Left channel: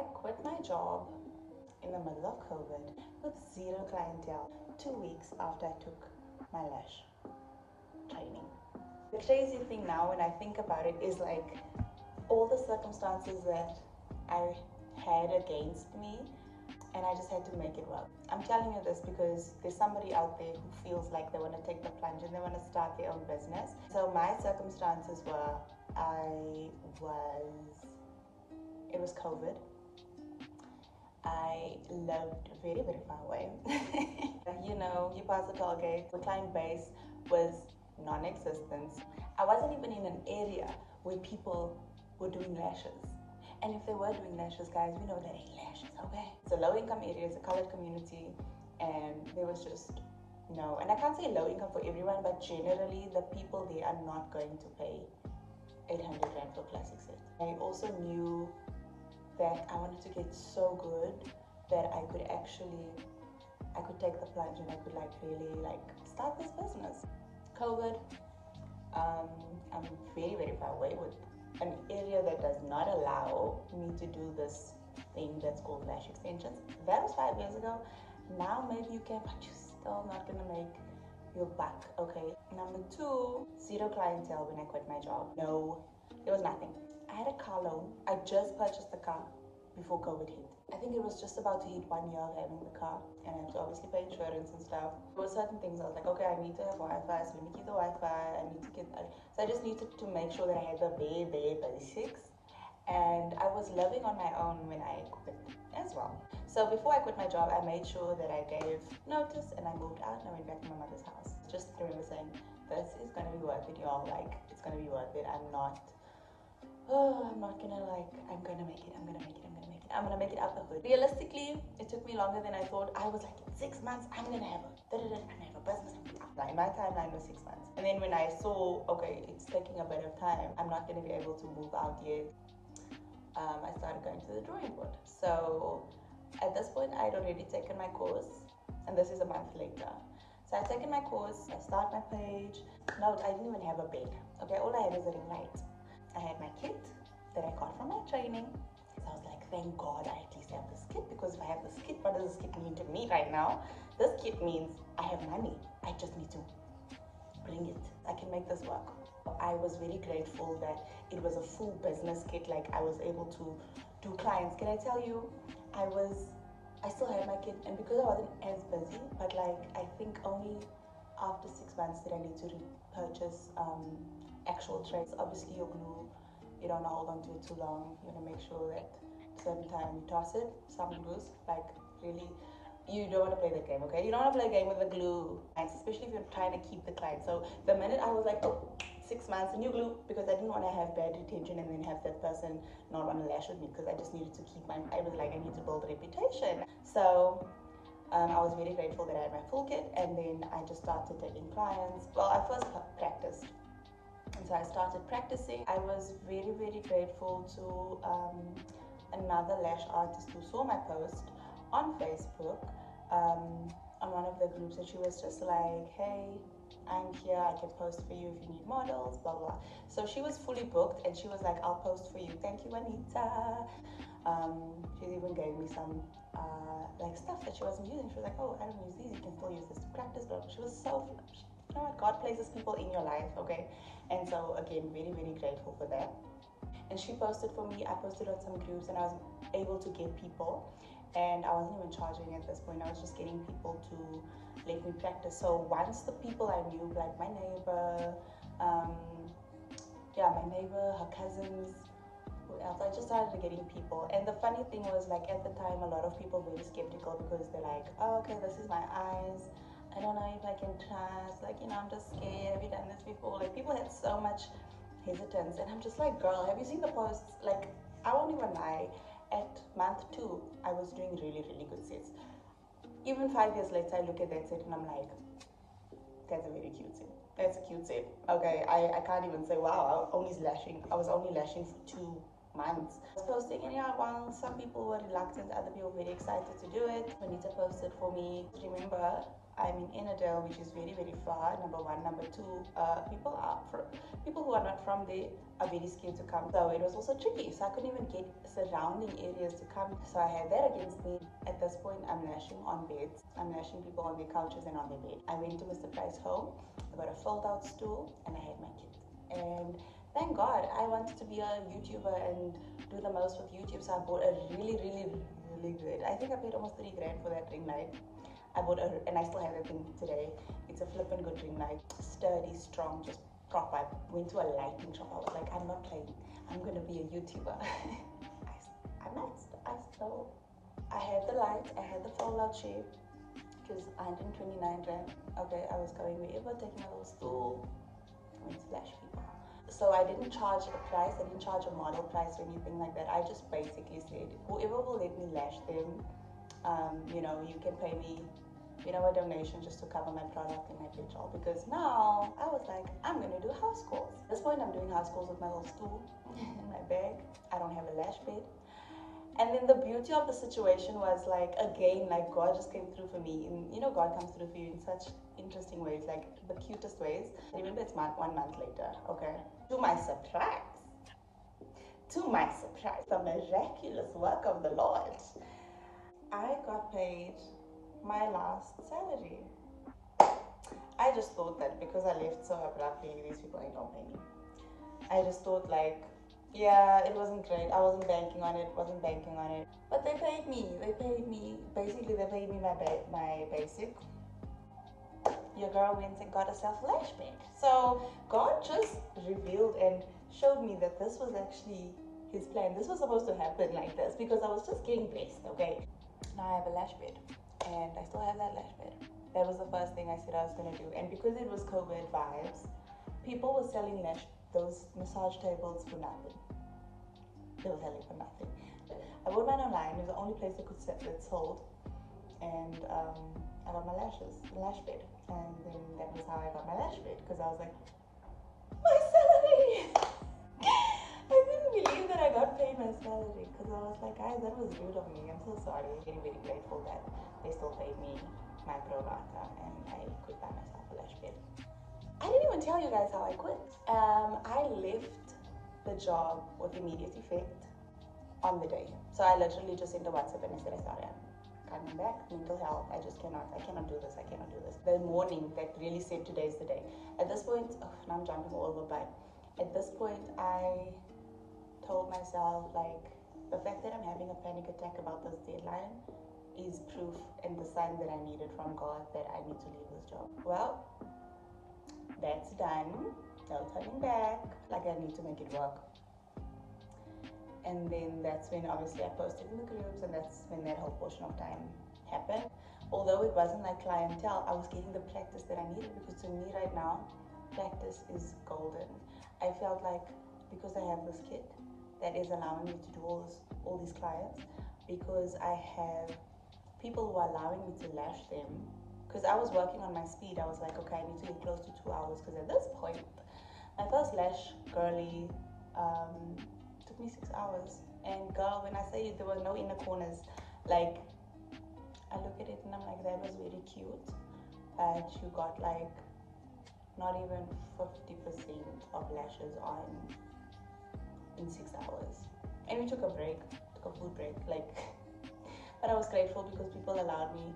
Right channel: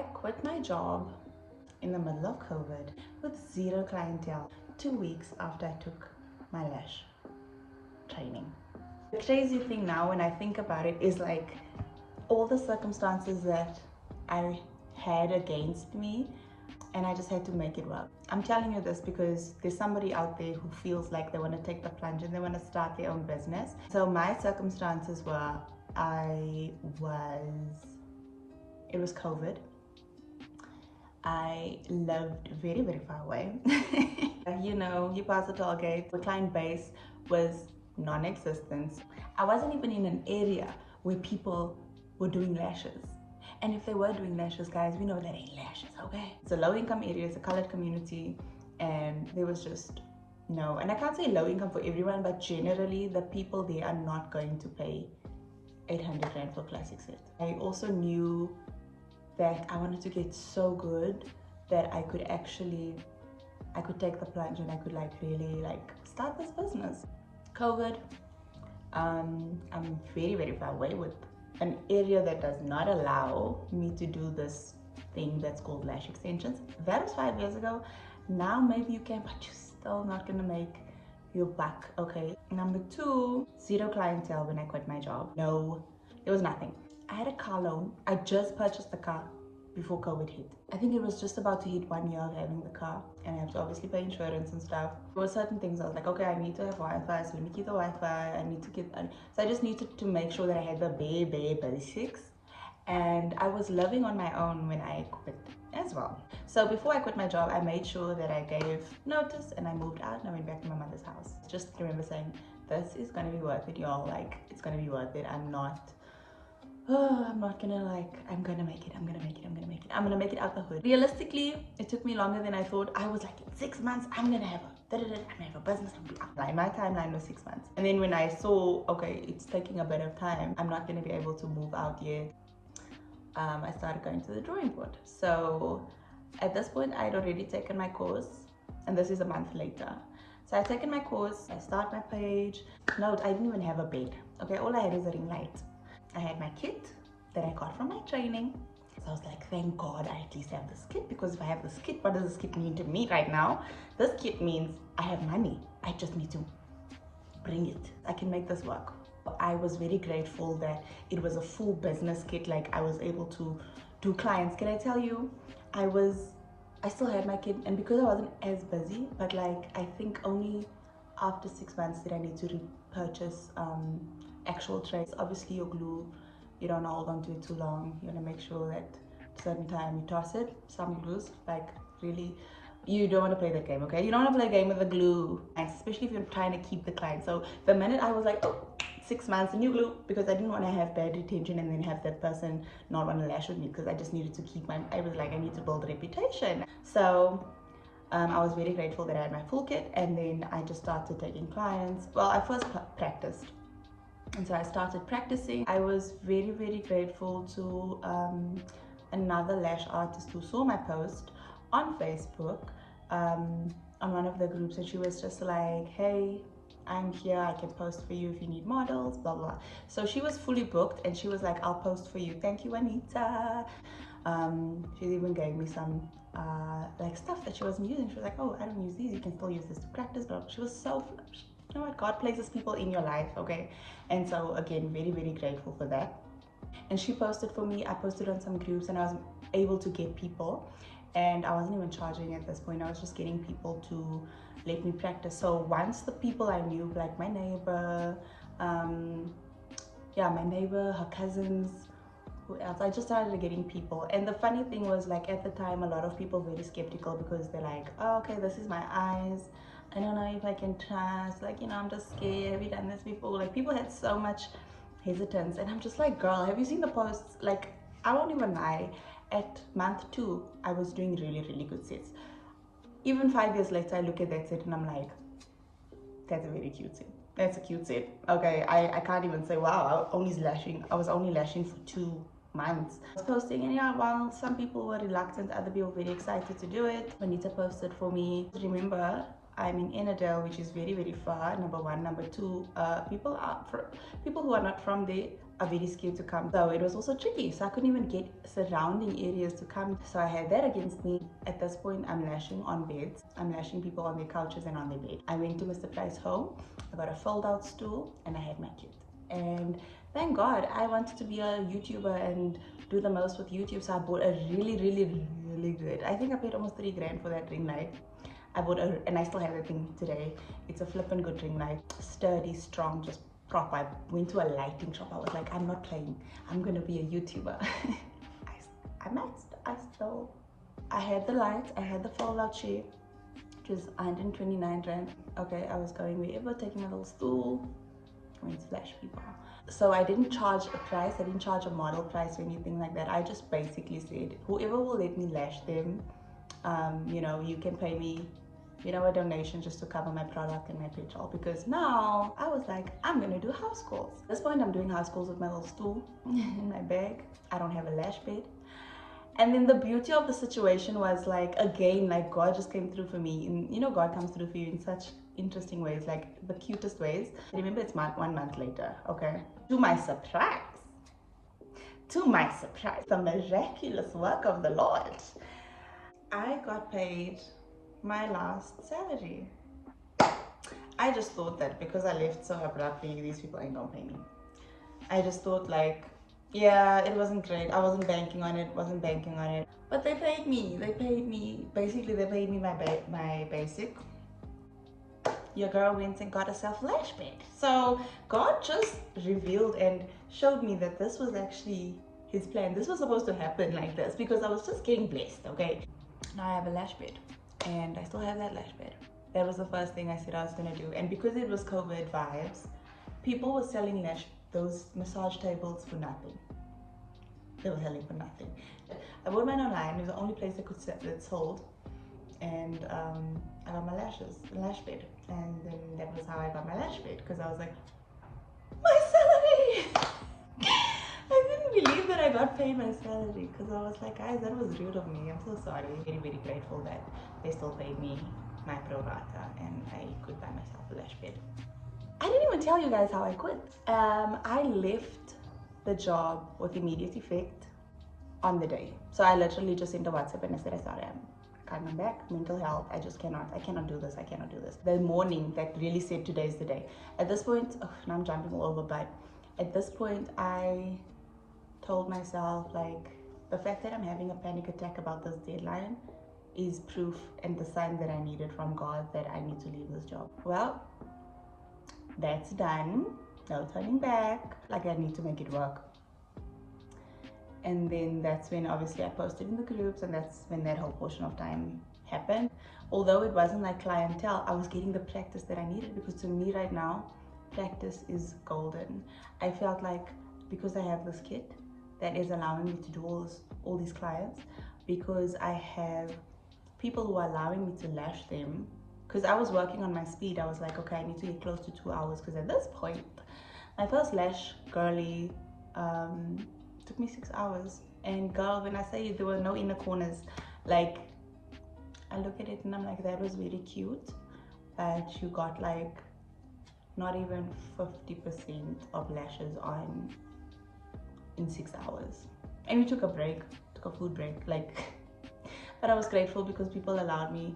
I quit my job in the middle of COVID with zero clientele 2 weeks after I took my lash training. The crazy thing now when I think about it is like all the circumstances that I had against me, and I just had to make it work. I'm telling you this because there's somebody out there who feels like they want to take the plunge and they want to start their own business. So my circumstances were, it was COVID. I lived very, very far away. You know, you pass the toll gate. The client base was non-existent. I wasn't even in an area where people were doing lashes. And if they were doing lashes, guys, we know that ain't lashes, okay? It's a low-income area, it's a colored community, and there was just no. And I can't say low income for everyone, but generally the people there are not going to pay 800 Rand for classic set. I also knew that I wanted to get so good that I could take the plunge and I could like really like start this business. COVID, I'm very, very far away with an area that does not allow me to do this thing that's called lash extensions. That was 5 years ago. Now maybe you can, but you're still not gonna make your buck, okay? Number two, zero clientele when I quit my job. No, there was nothing. I had a car loan. I just purchased the car before COVID hit. I think it was just about to hit 1 year of having the car, and I have to obviously pay insurance and stuff. There were certain things I was like, okay, I need to have Wi-Fi, so let me keep the Wi-Fi. I need to get, so I just needed to make sure that I had the bare basics. And I was living on my own when I quit as well. So before I quit my job, I made sure that I gave notice and I moved out and I went back to my mother's house. Just remember saying, this is gonna be worth it, y'all. Like, it's gonna be worth it. I'm not gonna like, I'm gonna make it. I'm gonna make it out the hood. Realistically, it took me longer than I thought. I was like, in 6 months, I'm gonna have a business. My timeline was 6 months. And then when I saw, okay, it's taking a bit of time, I'm not gonna be able to move out yet. I started going to the drawing board. So at this point, I had already taken my course, and this is a month later. So I've taken my course, I start my page. No, I didn't even have a bed. Okay, all I had was a ring light. I had my kit that I got from my training. So I was like, thank God I at least have this kit, because if I have this kit, what does this kit mean to me right now? This kit means I have money. I just need to bring it. I can make this work. I was very grateful that it was a full business kit. Like, I was able to do clients. Can I tell you, I still had my kit, and because I wasn't as busy, but like, I think only after 6 months did I need to repurchase actual trays. Obviously your glue, you don't hold on to it too long. You want to make sure that at a certain time you toss it. Some glues, like, really, you don't want to play that game, okay? You don't want to play a game with the glue, especially if you're trying to keep the client. So the minute I was like, oh, 6 months, new glue, because I didn't want to have bad retention and then have that person not want to lash with me, because I just needed to keep I was like, I need to build a reputation. So I was very grateful that I had my full kit, and then I just started taking clients. Well, I first practiced. And so I started practicing. I was very, very grateful to another lash artist who saw my post on Facebook, on one of the groups, and she was just like, hey, I'm here, I can post for you if you need models, blah blah. So she was fully booked, and she was like, I'll post for you. Thank you, Anita. She even gave me some like stuff that she wasn't using. She was like, oh, I don't use these, you can still use this to practice. But she was so, you know what, God places people in your life, okay? And so again, very, very grateful for that. And she posted for me, I posted on some groups, and I was able to get people, and I wasn't even charging at this point. I was just getting people to let me practice. So once the people I knew, like my neighbor, her cousins, who else, I just started getting people. And the funny thing was, like, at the time, a lot of people were very skeptical, because they're like, oh, okay, this is my eyes, I don't know if I can trust, like, you know, I'm just scared, have you done this before? Like, people had so much hesitance, and I'm just like, girl, have you seen the posts? Like, I won't even lie, at month 2 I was doing really, really good sets. Even 5 years later, I look at that set and I'm like, that's a very cute set. That's a cute set. Okay, I can't even say, wow, I was only lashing for 2 months. I was posting, and yeah, while some people were reluctant, other people were very excited to do it. Juanita posted for me. Remember, I'm in Enadale, which is very, very far, number one. Number two, people who are not from there are very scared to come. So it was also tricky. So I couldn't even get surrounding areas to come. So I had that against me. At this point, I'm lashing on beds. I'm lashing people on their couches and on their bed. I went to Mr. Price home. I got a fold-out stool and I had my kit. And thank God, I wanted to be a YouTuber and do the most with YouTube. So I bought a really, really, really good. I think I paid almost 3 grand for that ring light. I bought and I still have the thing today. It's a flippin' good ring light. Sturdy, strong, just proper. I went to a lighting shop. I was like, I'm not playing. I'm gonna be a YouTuber. I had the light. I had the fold-out chair, which was 129 rand. Okay, I was going wherever, taking a little stool. I went to lash people. So I didn't charge a price. I didn't charge a model price or anything like that. I just basically said, whoever will let me lash them, you know, you can pay me, you know, a donation just to cover my product and my petrol. Because now I was like, I'm gonna do house calls. At this point, I'm doing house calls with my little stool in my bag. I don't have a lash bed. And then the beauty of the situation was, like, again, like, God just came through for me. And you know, God comes through for you in such interesting ways, like the cutest ways. Remember, it's 1 month later, okay? To my surprise, the miraculous work of the Lord, I got paid my last salary. I just thought that because I left so abruptly, these people ain't gonna pay me. I just thought, like, yeah, it wasn't great. I wasn't banking on it, But they paid me. Basically, they paid me my basic. Your girl went and got herself a lash bed. So God just revealed and showed me that this was actually his plan. This was supposed to happen like this because I was just getting blessed, okay? Now I have a lash bed and I still have that lash bed. That was the first thing I said I was gonna do. And because it was COVID vibes, people were selling those massage tables for nothing. They were selling for nothing. I bought mine online. It was the only place I could sell that sold. And I got my lash bed. And then that was how I got my lash bed, because I was like, my salary! I couldn't believe that I got paid my salary, because I was like, guys, that was rude of me. I'm so sorry. Very, very grateful that they still paid me my pro rata and I could buy myself a lash bed. I didn't even tell you guys how I quit. I left the job with immediate effect on the day. So I literally just sent a WhatsApp and I said, I can't come back, mental health, I cannot do this. The morning that really said today's the day. At this point, now I'm jumping all over, but at this point I told myself, like, the fact that I'm having a panic attack about this deadline is proof and the sign that I needed from God that I need to leave this job. Well, that's done, no turning back, like I need to make it work. And then that's when obviously I posted in the groups, and that's when that whole portion of time happened. Although it wasn't like clientele, I was getting the practice that I needed, because to me right now, practice is golden. I felt like because I have this kit that is allowing me to do all these clients, because I have people who are allowing me to lash them, because I was working on my speed. I was like, okay, I need to get close to 2 hours, because at this point, my first lash girly took me 6 hours. And girl, when I say there were no inner corners, like, I look at it and I'm like, that was very cute, but you got like not even 50% of lashes on in 6 hours. And we took a food break, like, but I was grateful because people allowed me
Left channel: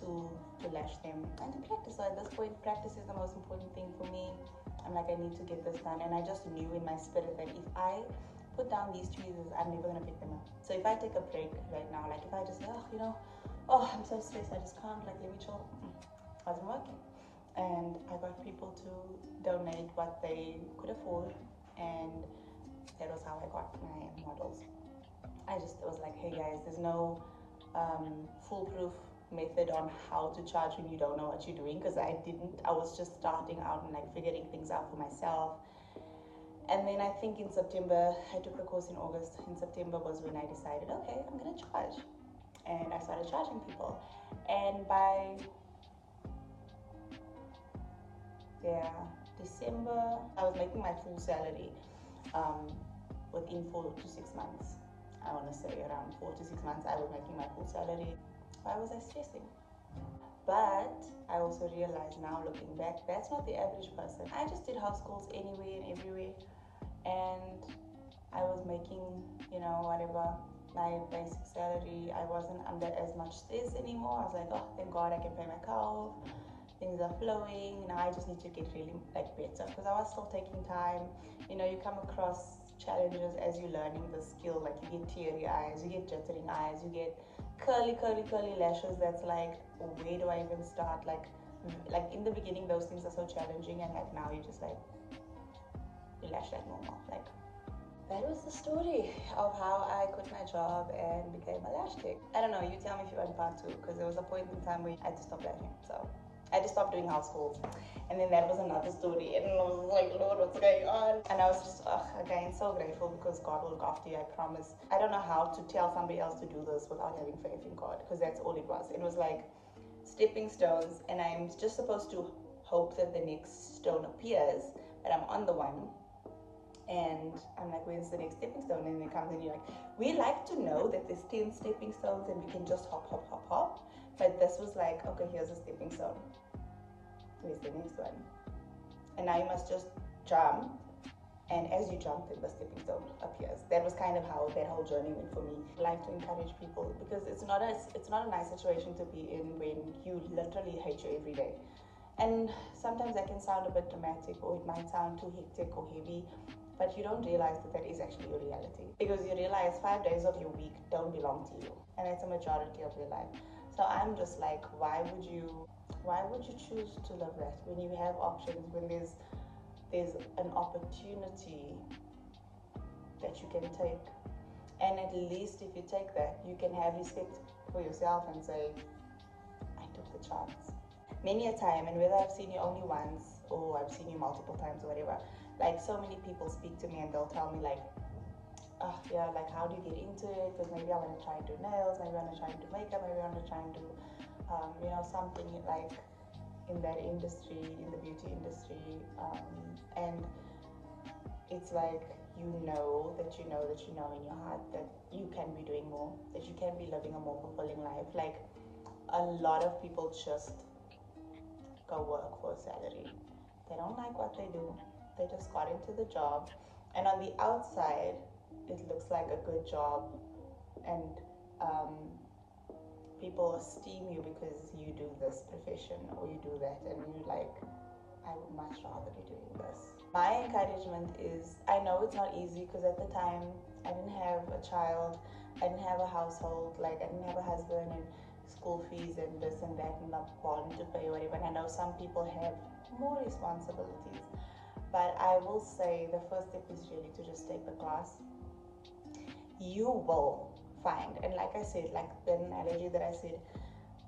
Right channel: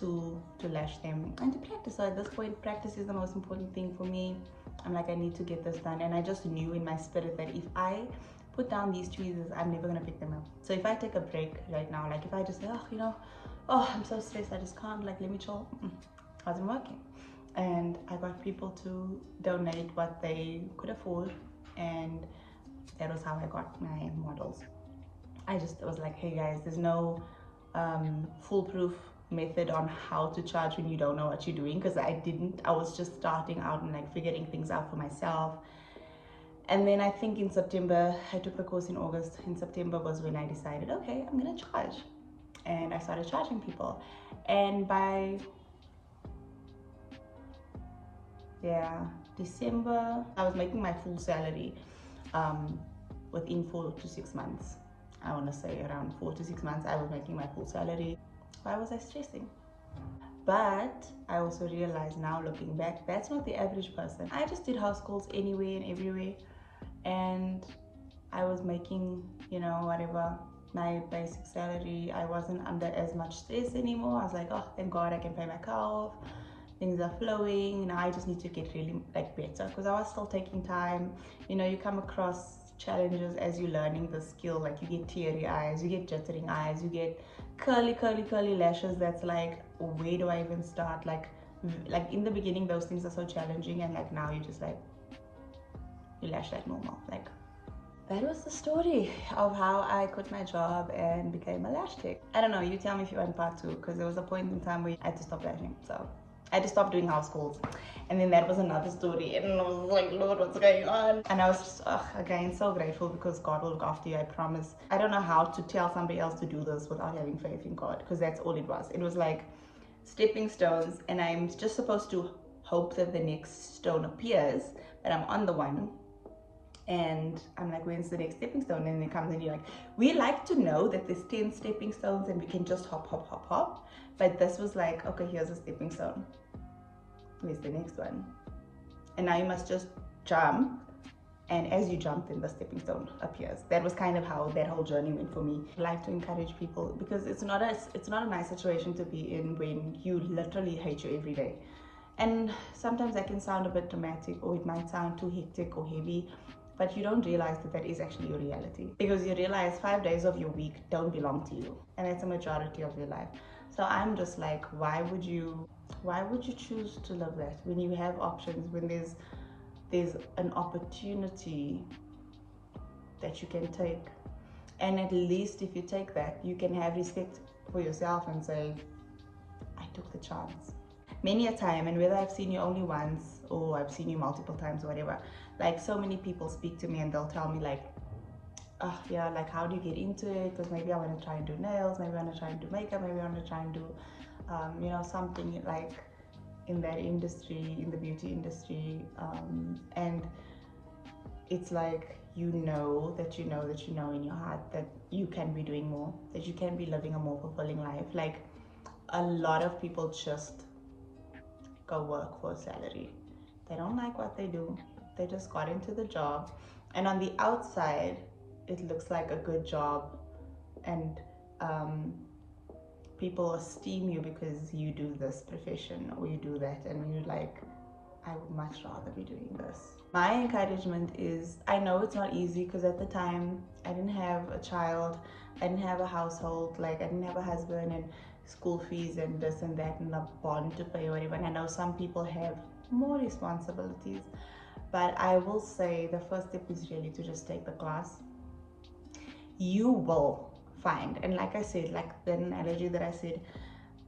to lash them and to practice. So at this point, practice is the most important thing for me. I'm like, I need to get this done. And I just knew in my spirit that if I put down these tweezers, I'm never gonna pick them up. So if I take a break right now, like if I just say, I'm so stressed, I just can't, like, let me chill, wasn't working. And I got people to donate what they could afford, and that was how I got my models. I was like, hey guys, there's no foolproof method on how to charge when you don't know what you're doing, because I was just starting out and like figuring things out for myself. And then I think in September, I took the course in August. In September was when I decided, okay, I'm gonna charge. And I started charging people. And by, December, I was making my full salary within 4 to 6 months. I wanna say around 4 to 6 months, I was making my full salary. Why was I stressing? But I also realized now, looking back, that's not the average person. I just did house calls anywhere and everywhere, and I was making, you know, whatever, my basic salary. I wasn't under as much stress anymore. I was like, oh, thank God I can pay my car off. Things are flowing. Now I just need to get really like better, because I was still taking time. You know, you come across challenges as you're learning the skill. Like you get teary eyes, you get jittering eyes, you get curly lashes. That's like, where do I even start? Like in the beginning, those things are so challenging, and like now you're just like, you lash like normal. Like, that was the story of how I quit my job and became a lash tech. I don't know, you tell me if you want part two, because there was a point in time where I had to stop lashing. So I had to stop doing house calls, and then that was another story, and I was like, Lord, what's going on? And I was just, again, so grateful, because God will look after you, I promise. I don't know how to tell somebody else to do this without having faith in God, because that's all it was. It was like stepping stones, and I'm just supposed to hope that the next stone appears, but I'm on the one. And I'm like, when's the next stepping stone? And then it comes, and you're like, we like to know that there's 10 stepping stones and we can just hop. But this was like, okay, here's a stepping stone. Where's the next one? And now you must just jump. And as you jump, then the stepping stone appears. That was kind of how that whole journey went for me. I like to encourage people, because it's not a nice situation to be in when you literally hate you every day. And sometimes that can sound a bit dramatic, or it might sound too hectic or heavy, but you don't realize that that is actually your reality, because you realize 5 days of your week don't belong to you, and it's a majority of your life. So I'm just like, why would you choose to live that when you have options, when there's an opportunity that you can take? And at least if you take that, you can have respect for yourself and say, I took the chance. Many a time, and whether I've seen you only once or I've seen you multiple times or whatever, like so many people speak to me and they'll tell me like, oh yeah, like how do you get into it? Because maybe I want to try and do nails, maybe I want to try and do makeup, maybe I want to try and do you know, something like in that industry, in the beauty industry. And it's like, you know that you know in your heart that you can be doing more, that you can be living a more fulfilling life. Like, a lot of people just go work for a salary. They don't like what they do. They just got into the job, and on the outside it looks like a good job, and people esteem you because you do this profession or you do that, and you're like, I would much rather be doing this. My encouragement is, I know it's not easy, because at the time I didn't have a child, I didn't have a household, like I didn't have a husband and school fees and this and that and a bond to pay or whatever. And I know some people have more responsibilities, but I will say the first step is really to just take the class. You will find, and like I said, like the analogy that I said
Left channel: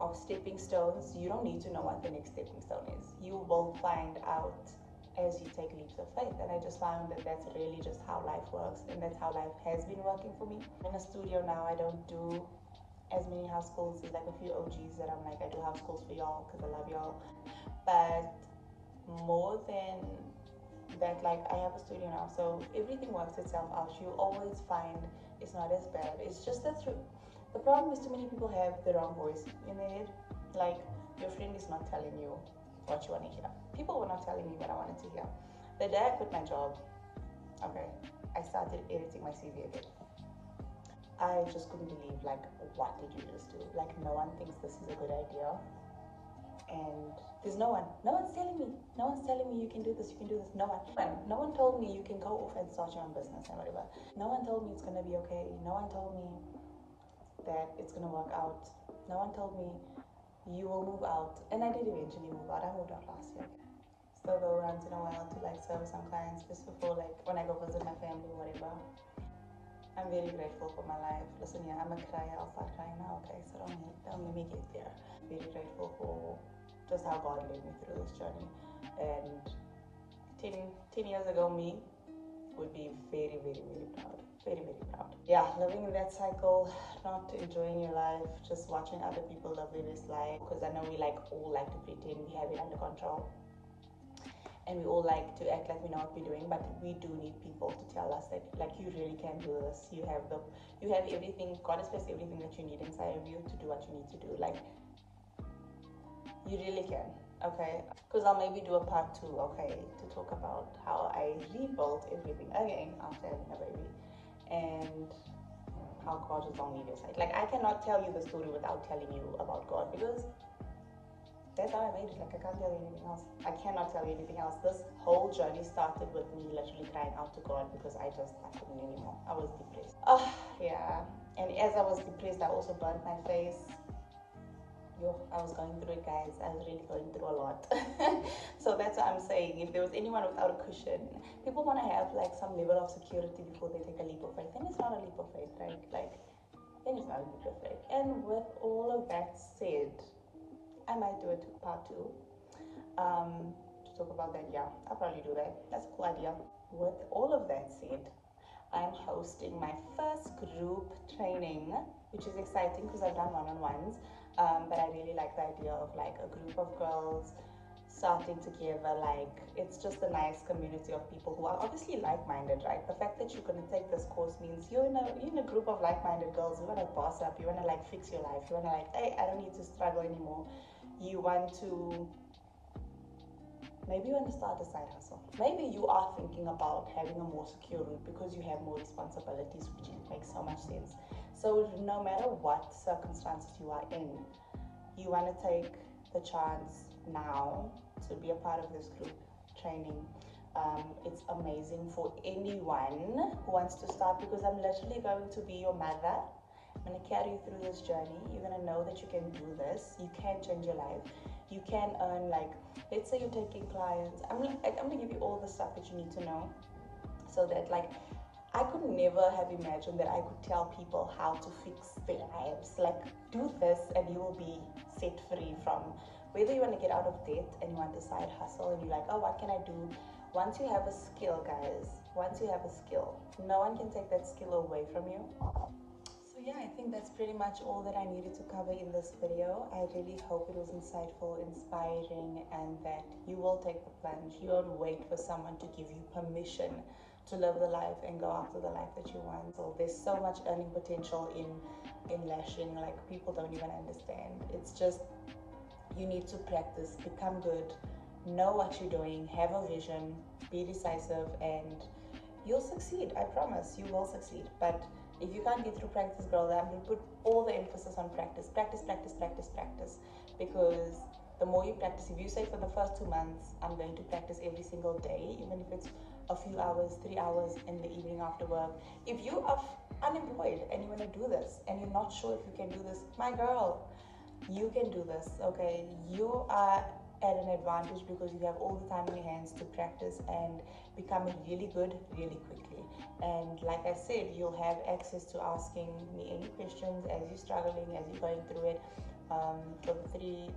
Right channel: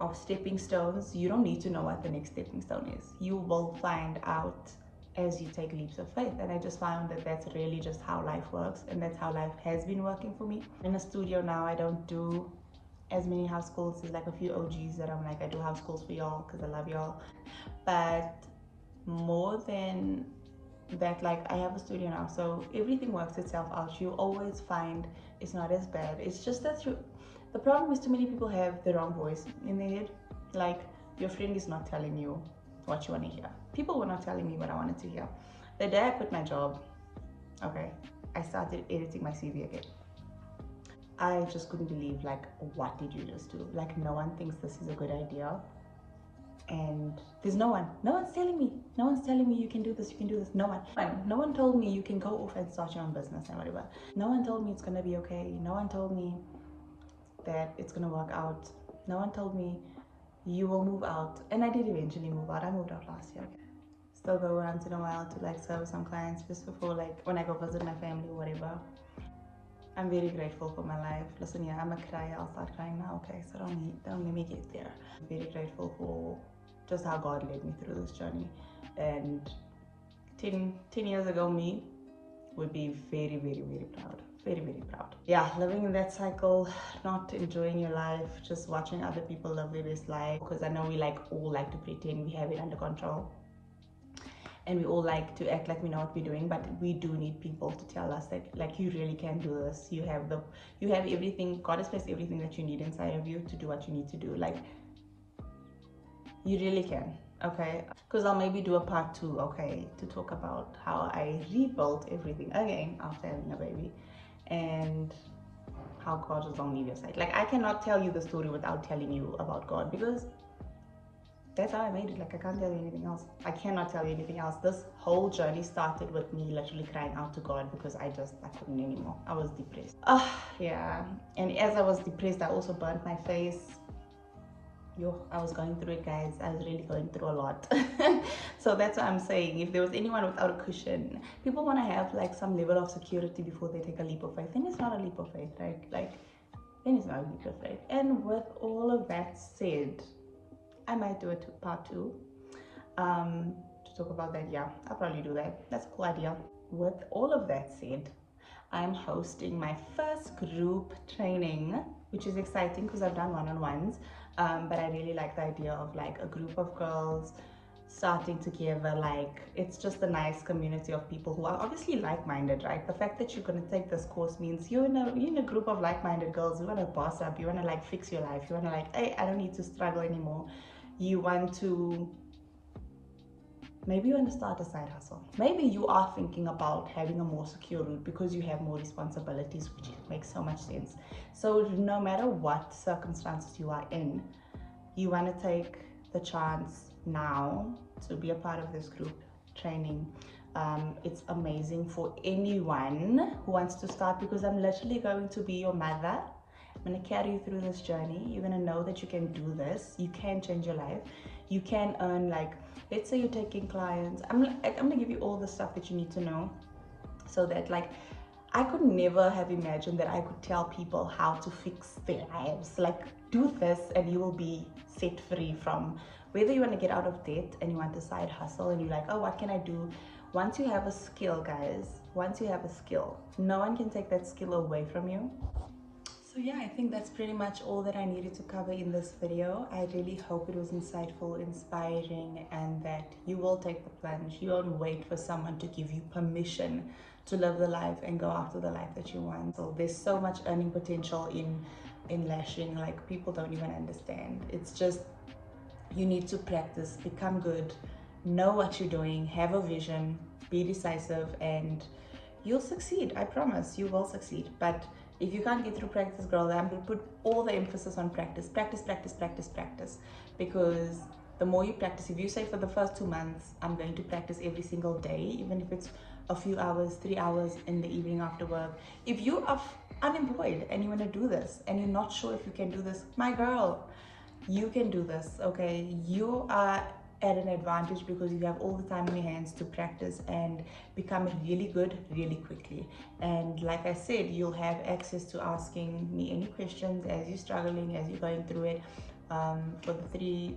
of stepping stones, you don't need to know what the next stepping stone is. You will find out as you take leaps of faith. And I just found that that's really just how life works, and that's how life has been working for me. In a studio now, I don't do as many house calls. There's like a few OGs that I'm like, I do house calls for y'all because I love y'all. But more than that, like, I have a studio now, so everything works itself out. You always find it's not as bad. It's just that the problem is too many people have the wrong voice in their head. Like, your friend is not telling you what you want to hear. People were not telling me what I wanted to hear. The day I quit my job, okay, I started editing my CV again. I just couldn't believe, like, what did you just do? Like, no one thinks this is a good idea. And there's no one's telling me you can do this, no one told me you can go off and start your own business and whatever. No one told me it's gonna be okay. No one told me that it's gonna work out. No one told me you will move out. And I did eventually move out. I moved out last year. Still go once in a while to like serve some clients just before, like when I go visit my family or whatever. I'm very grateful for my life. Listen, yeah, I'm a crier. I'll start crying now, okay? So don't let me get there. I'm very grateful for just how God led me through this journey. And 10 years ago, me would be very, very, very proud. Very, very proud. Yeah, living in that cycle, not enjoying your life, just watching other people live their best life. Because I know we all like to pretend we have it under control. And we all like to act like we know what we're doing, but we do need people to tell us that, like, you really can do this. You have everything. God has placed everything that you need inside of you to do what you need to do. Like, You really can. Okay, because I'll maybe do a part 2, okay, to talk about how I rebuilt everything again after having a baby, and how God just don't leave your side. Like, I cannot tell you the story without telling you about God, because that's how I made it. Like, I can't tell you anything else. I cannot tell you anything else. This whole journey started with me literally crying out to God because I couldn't anymore. I was depressed. Yeah. And as I was depressed, I also burnt my face. Yo, I was going through it, guys. I was really going through a lot. So that's what I'm saying. If there was anyone without a cushion, people want to have like some level of security before they take a leap of faith. Then it's not a leap of faith, right? Like, then it's not a leap of faith. And with all of that said, I might do a part 2 to talk about that. Yeah, I'll probably do that. That's a cool idea. With all of that said, I'm hosting my first group training, which is exciting because I've done one-on-ones, but I really like the idea of like a group of girls starting together. Like, it's just a nice community of people who are obviously like-minded, right? The fact that you're going to take this course means you're in a group of like-minded girls. You want to boss up, you want to like fix your life, you want to like, hey, I don't need to struggle anymore. You want to, maybe you want to start a side hustle. Maybe you are thinking about having a more secure route because you have more responsibilities, which makes so much sense. So no matter what circumstances you are in, you want to take the chance now to be a part of this group training. It's amazing for anyone who wants to start, because I'm literally going to be your mother. I'm going to carry you through this journey. You're going to know that you can do this. You can change your life. You can earn, like, let's say you're taking clients. I'm going to give you all the stuff that you need to know, so that, like, I could never have imagined that I could tell people how to fix their lives. Like, do this and you will be set free from whether you want to get out of debt and you want a side hustle and you're like, oh, what can I do? Once you have a skill, guys, once you have a skill, no one can take that skill away from you. So yeah, I think that's pretty much all that I needed to cover in this video. I really hope it was insightful, inspiring, and that you will take the plunge. You won't wait for someone to give you permission to live the life and go after the life that you want. So there's so much earning potential in lashing, like, people don't even understand. It's just, you need to practice, become good, know what you're doing, have a vision, be decisive, and you'll succeed. I promise you will succeed. But if you can't get through practice, girl, I'm going to put all the emphasis on practice. Practice, practice, practice, practice. Because the more you practice, if you say for the first 2 months, I'm going to practice every single day, even if it's a few hours, 3 hours in the evening after work. If you are unemployed and you want to do this and you're not sure if you can do this, my girl, you can do this, okay? You are at an advantage because you have all the time in your hands to practice and become really good really quickly. And like I said, you'll have access to asking me any questions as you're struggling, as you're going through it. For the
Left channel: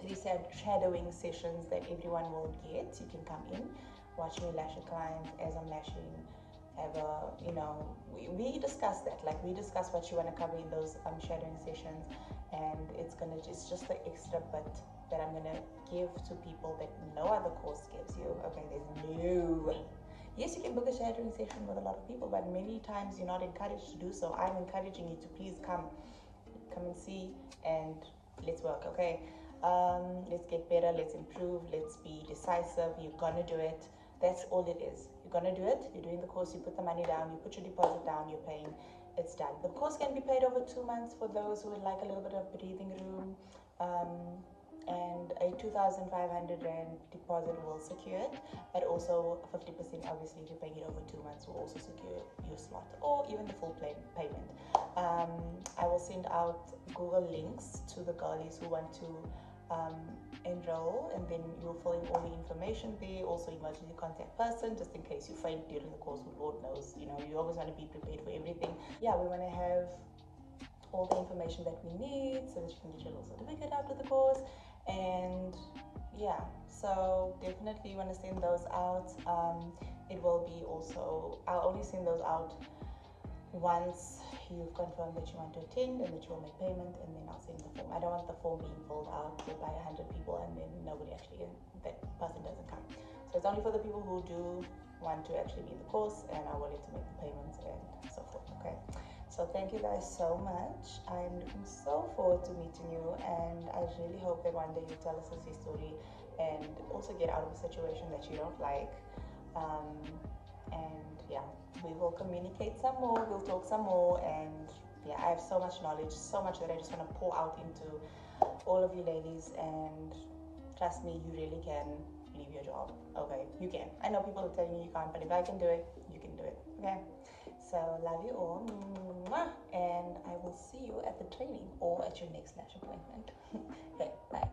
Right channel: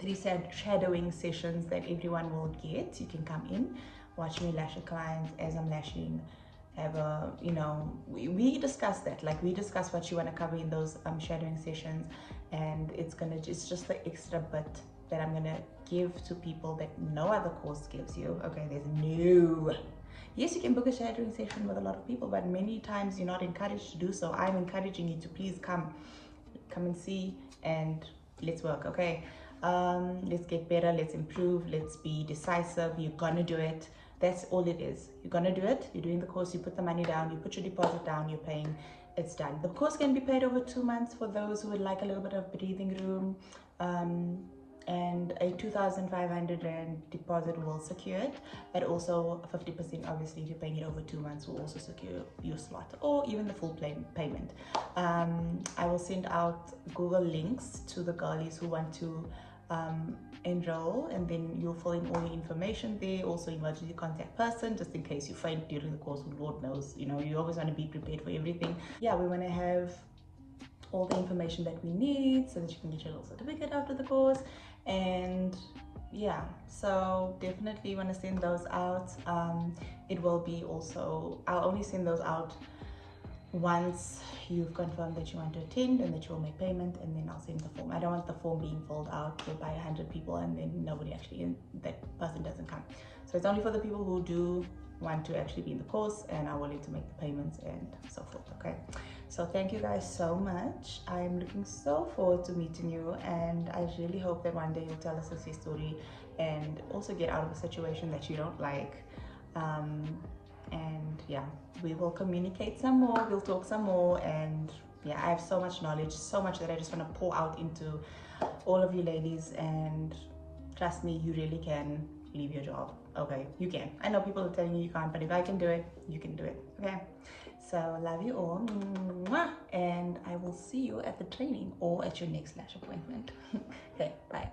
three shadowing sessions that everyone will get, you can come in, watch me lash a client as I'm lashing, have a, you know, we discuss that, like, we discuss what you want to cover in those shadowing sessions, and it's just the extra bit that I'm gonna give to people that no other course gives you. Okay, yes, you can book a shadowing session with a lot of people, but many times you're not encouraged to do so. I'm encouraging you to please come and see, and let's work. Okay, let's get better, let's improve, let's be decisive. You're gonna do it. That's all it is. You're gonna do it. You're doing the course, you put the money down, you put your deposit down, you're paying, it's done. The course can be paid over 2 months for those who would like a little bit of breathing room, and a 2,500 Rand deposit will secure it, but also 50%, obviously, if you're paying it over 2 months, will also secure your slot, or even the full payment. I will send out Google links to the girlies who want to enroll, and then you'll fill in all the information there. Also, emergency contact person, just in case you faint during the course. Lord knows, you know, you always want to be prepared for everything. Yeah, we want to have all the information that we need so that you can get your little certificate after the course. And yeah, so definitely want to send those out. It will be also, I'll only send those out once you've confirmed that you want to attend and that you will make payment, and then I'll send the form. I don't want the form being filled out by 100 people and then nobody actually, that person doesn't come. So it's only for the people who do want to actually be in the course and are willing to make the payments and so forth. Okay, So thank you guys so much. I'm looking so forward to meeting you, and I really hope that one day you'll tell us a success story and also get out of a situation that you don't like. And yeah, we will communicate some more, we'll talk some more, and yeah, I have so much knowledge, so much that I just want to pour out into all of you ladies, and trust me, you really can leave your job. Okay, you can. I know people are telling you you can't, but if I can do it, you can do it. Okay, so love you all. Mwah. And I will see you at the training or at your next lash appointment. Okay, bye.